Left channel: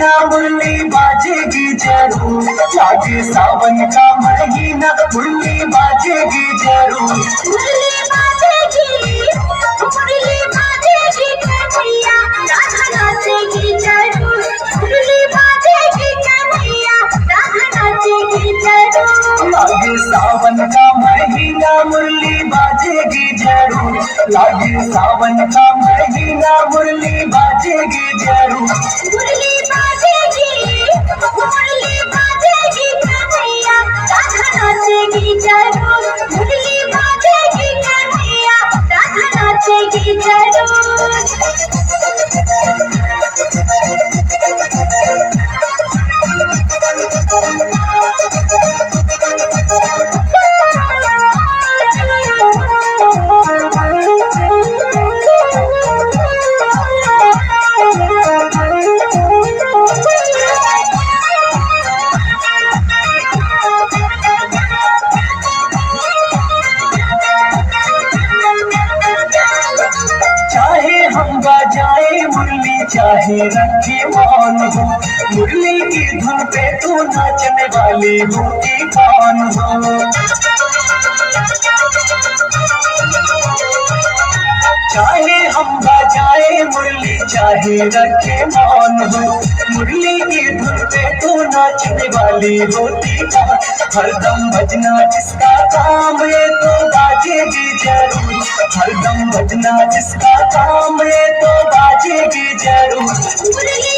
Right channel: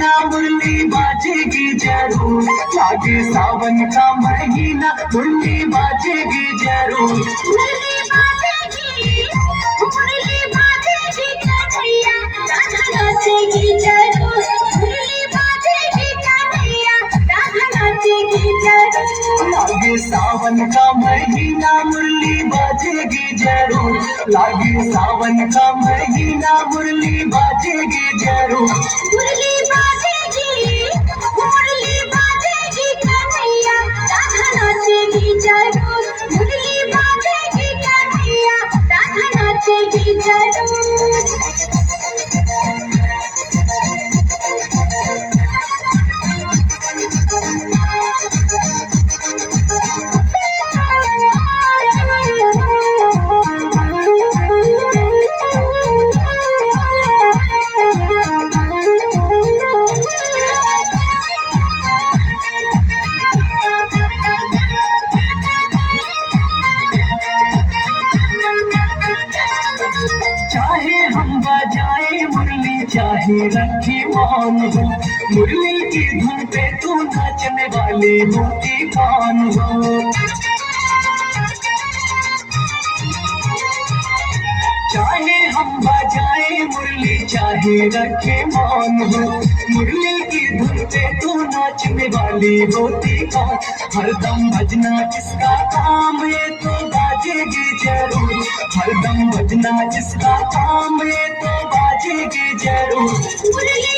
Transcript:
महीना मुरली बाजेगी जरूर, लागे सावन का महीना मुरली बाजेगी जरूर। मुरली बाजेगी कन्हैया, राधा नाचेगी जरूर। मुरली बाजेगी कन्हैया, राधा नाचेगी जरूर। लागे सावन का महीना मुरली बाजेगी जरूर, लागे सावन का महीना मुरली बाजेगी जरूर। मुरली बाजेगी कन्हैया, राधा नाचेगी जरूर। मुरली बाजेगी कन्हैया, राधा नाचेगी जरूर। चाहे हम बजाए मुरली चाहे रखे मौन हो, मुरली की धुन पे तू नाचने वाली होती कौन हो। चाहे हम बजाए मुरली चाहे रखे मौन हो, मुरली की धुन पे तू नाचने वाली होती कौन। हरदम बजना जिसका काम ये तो बाजेगी जरूर, हरदम बजना जिसका काम ये तो बाजेगी जरूर। मुरली